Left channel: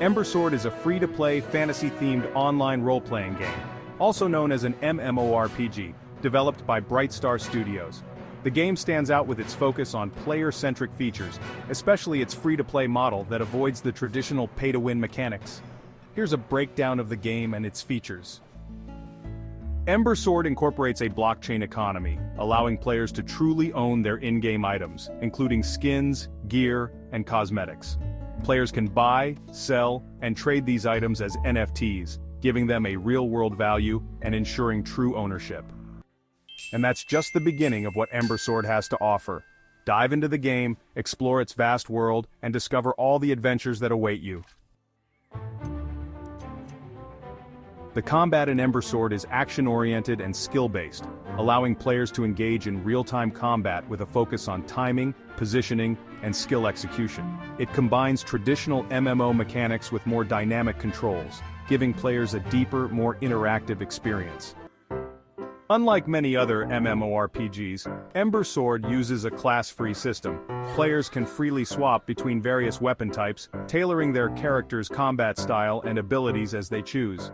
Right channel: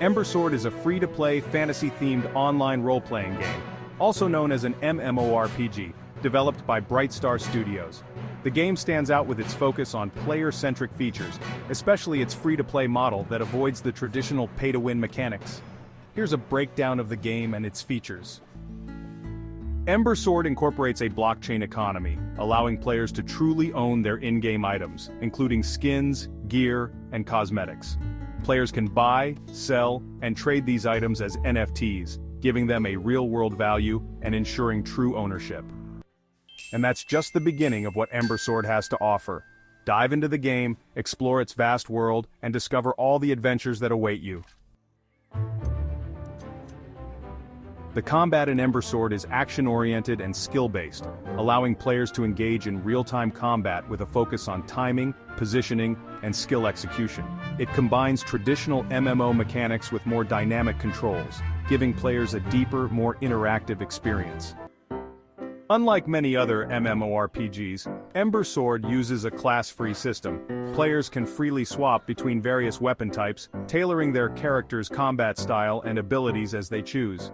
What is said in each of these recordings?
Ember Sword is a free-to-play, fantasy-themed online role-playing game, also known as an MMORPG, developed by Brightstar Studios. The game stands out with its focus on player-centric features, especially its free-to-play model that avoids the traditional pay-to-win mechanics. Here's a breakdown of the game and its features. Ember Sword incorporates a blockchain economy, allowing players to truly own their in-game items, including skins, gear, and cosmetics. Players can buy, sell, and trade these items as NFTs, giving them a real-world value and ensuring true ownership. And that's just the beginning of what Ember Sword has to offer. Dive into the game, explore its vast world, and discover all the adventures that await you. The combat in Ember Sword is action-oriented and skill-based, allowing players to engage in real-time combat with a focus on timing, positioning, and skill execution. It combines traditional MMO mechanics with more dynamic controls, giving players a deeper, more interactive experience. Unlike many other MMORPGs, Ember Sword uses a class-free system. Players can freely swap between various weapon types, tailoring their character's combat style and abilities as they choose.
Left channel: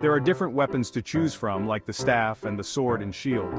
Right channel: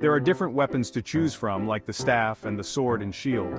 There are different weapons to choose from, like the staff and the sword and shield.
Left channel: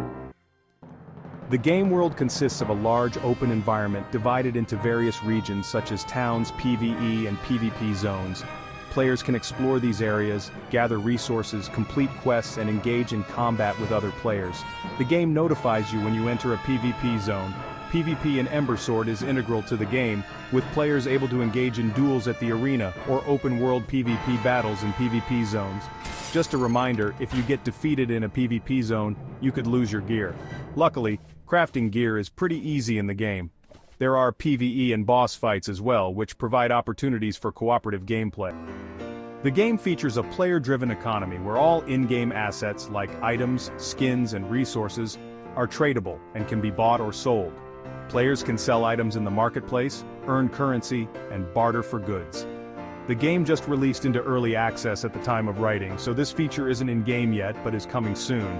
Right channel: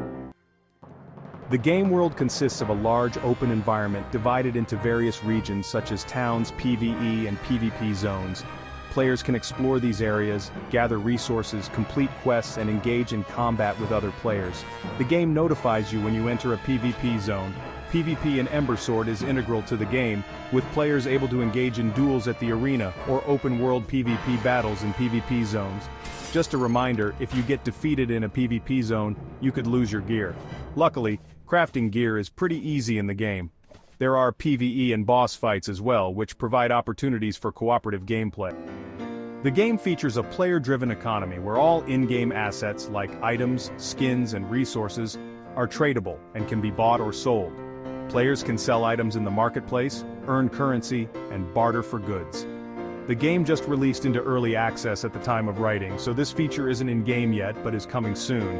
The game world consists of a large open environment divided into various regions such as towns, PvE and PvP zones. Players can explore these areas, gather resources, complete quests, and engage in combat with other players. The game notifies you when you enter a PvP zone. PvP in Ember Sword is integral to the game, with players able to engage in duels at the arena or open-world PvP battles in PvP zones. Just a reminder, if you get defeated in a PvP zone, you could lose your gear. Luckily, crafting gear is pretty easy in the game. There are PvE and boss fights as well, which provide opportunities for cooperative gameplay. The game features a player-driven economy where all in-game assets like items, skins, and resources are tradable and can be bought or sold. Players can sell items in the marketplace, earn currency, and barter for goods. The game just released into early access at the time of writing, so this feature isn't in-game yet but is coming soon.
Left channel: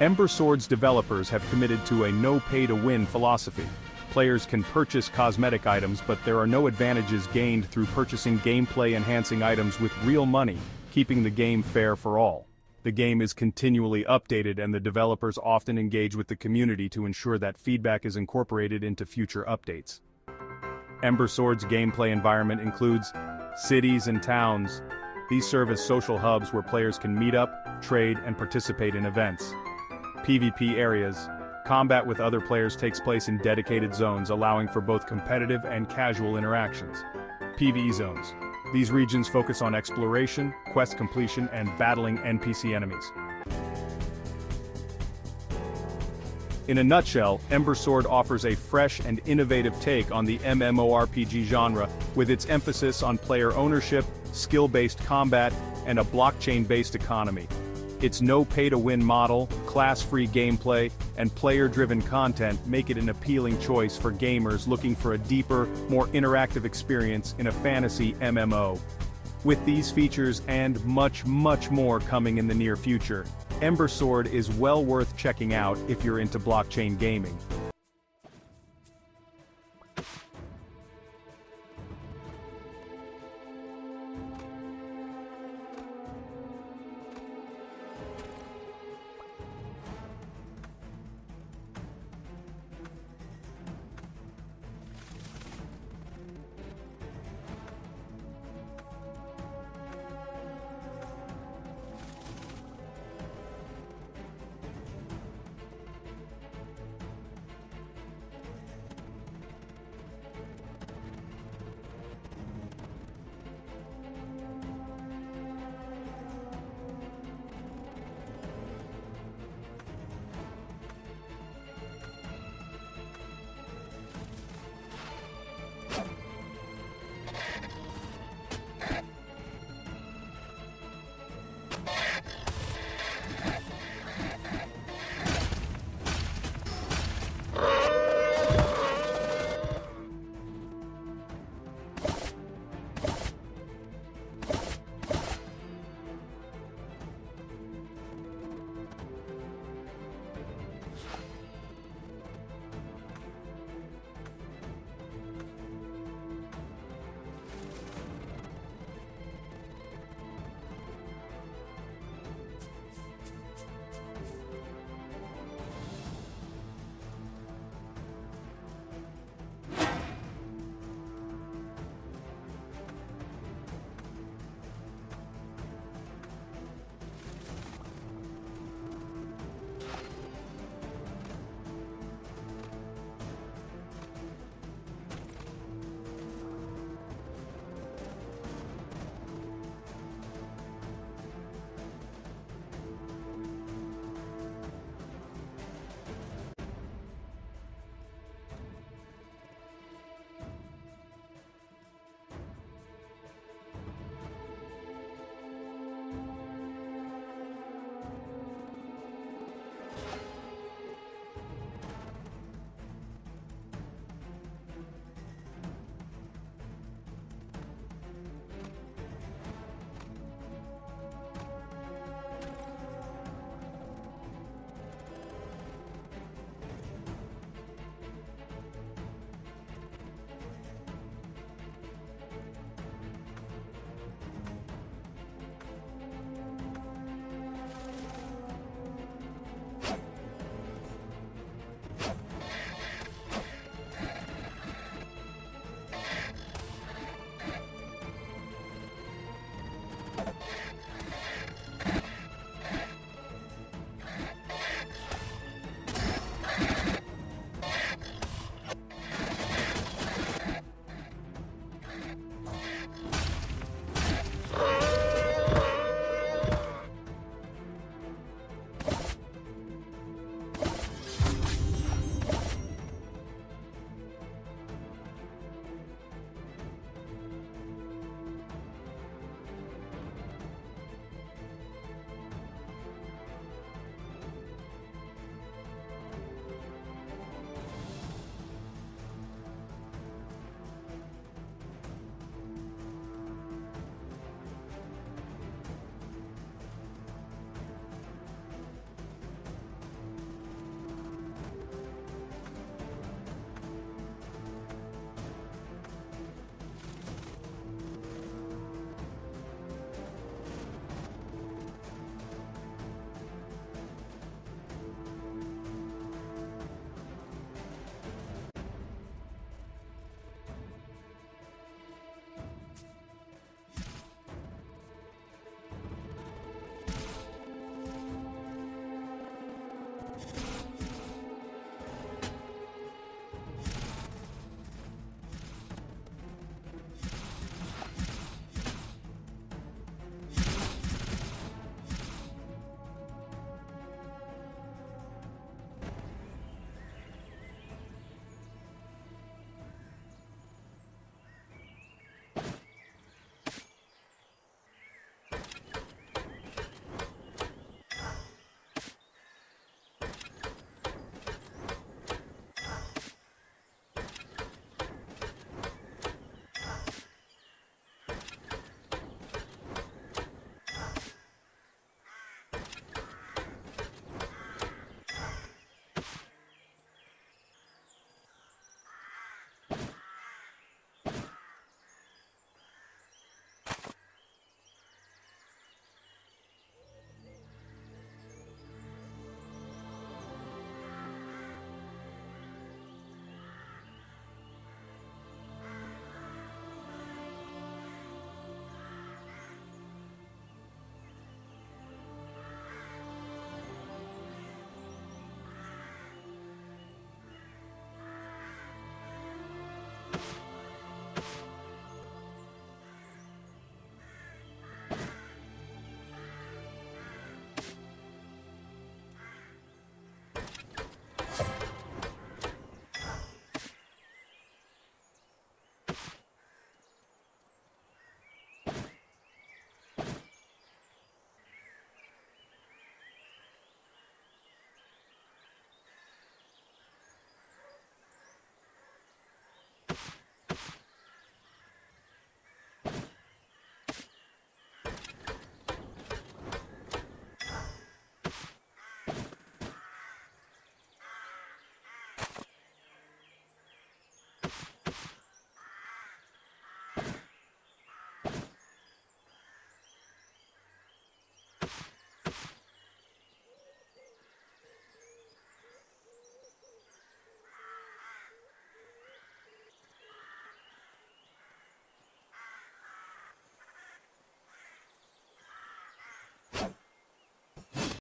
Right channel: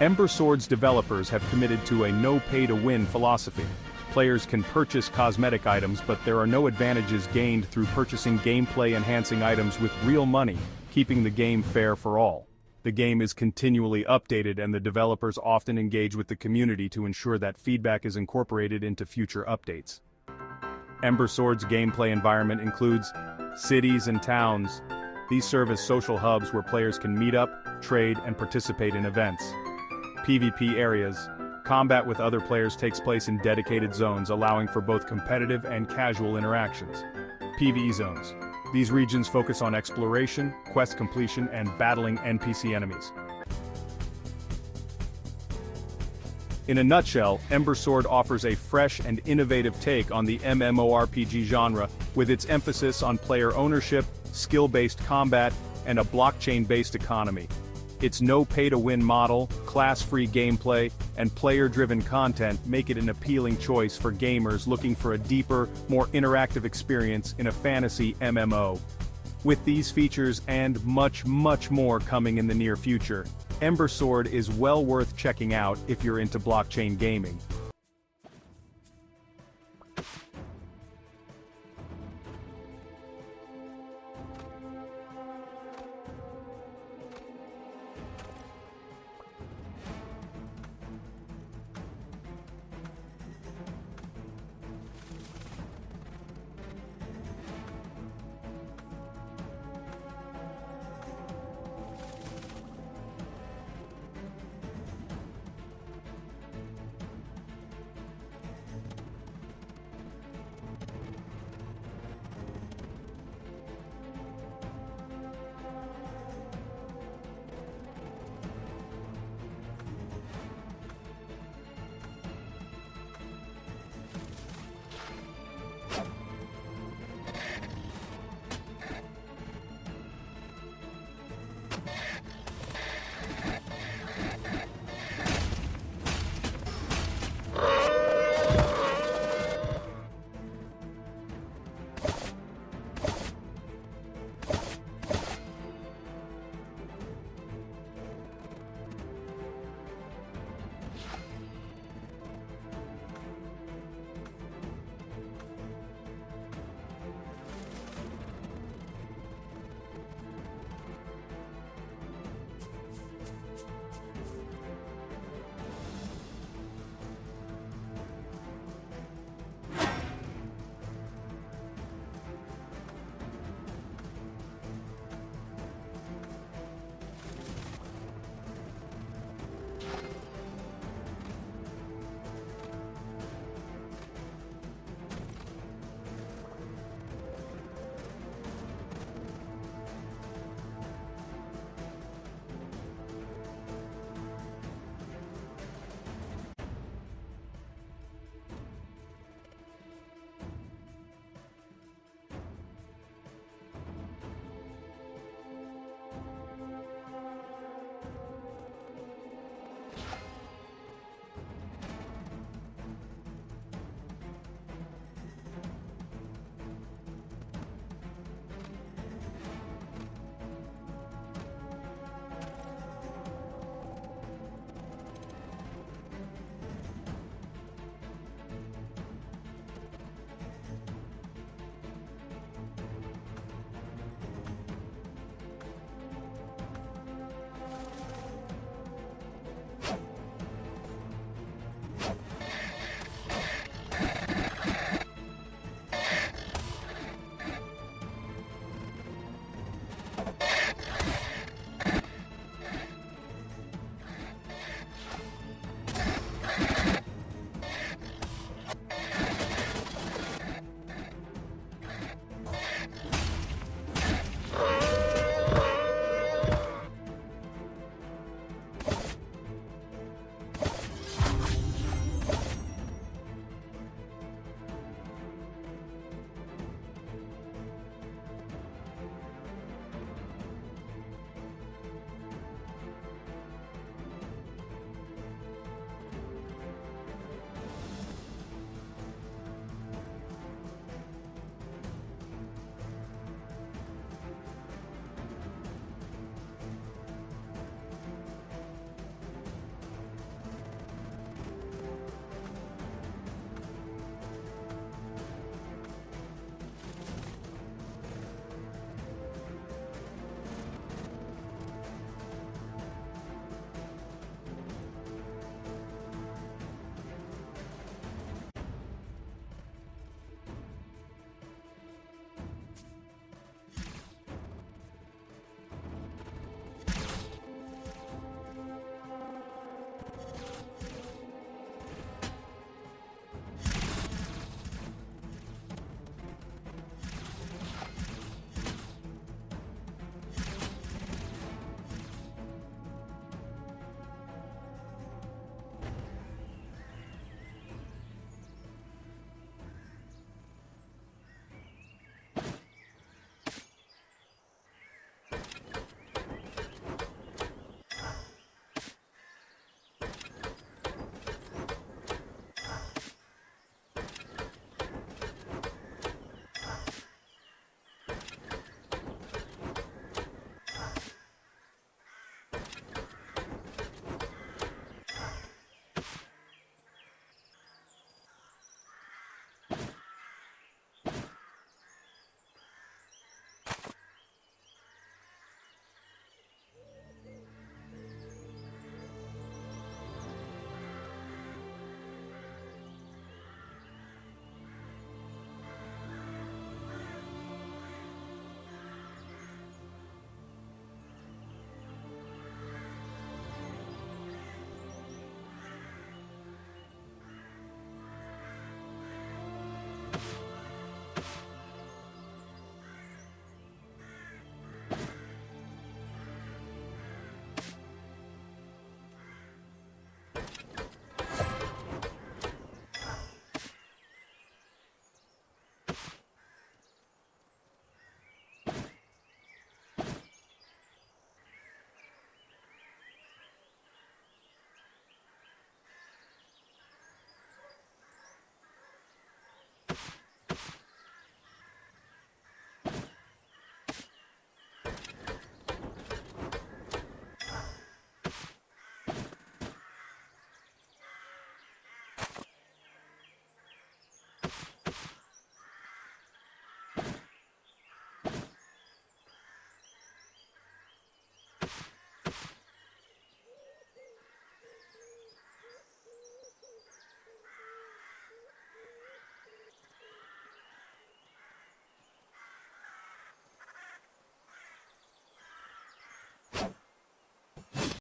Ember Sword's developers have committed to a no-pay-to-win philosophy. Players can purchase cosmetic items, but there are no advantages gained through purchasing gameplay-enhancing items with real money, keeping the game fair for all. The game is continually updated and the developers often engage with the community to ensure that feedback is incorporated into future updates. Ember Sword's gameplay environment includes cities and towns. These serve as social hubs where players can meet up, trade, and participate in events. PvP areas. Combat with other players takes place in dedicated zones, allowing for both competitive and casual interactions. PvE zones. These regions focus on exploration, quest completion, and battling NPC enemies. In a nutshell, Ember Sword offers a fresh and innovative take on the MMORPG genre, with its emphasis on player ownership, skill-based combat, and a blockchain-based economy. Its no-pay-to-win model, class-free gameplay, and player-driven content make it an appealing choice for gamers looking for a deeper, more interactive experience in a fantasy MMO. With these features and much more coming in the near future, Ember Sword is well worth checking out if you're into blockchain gaming.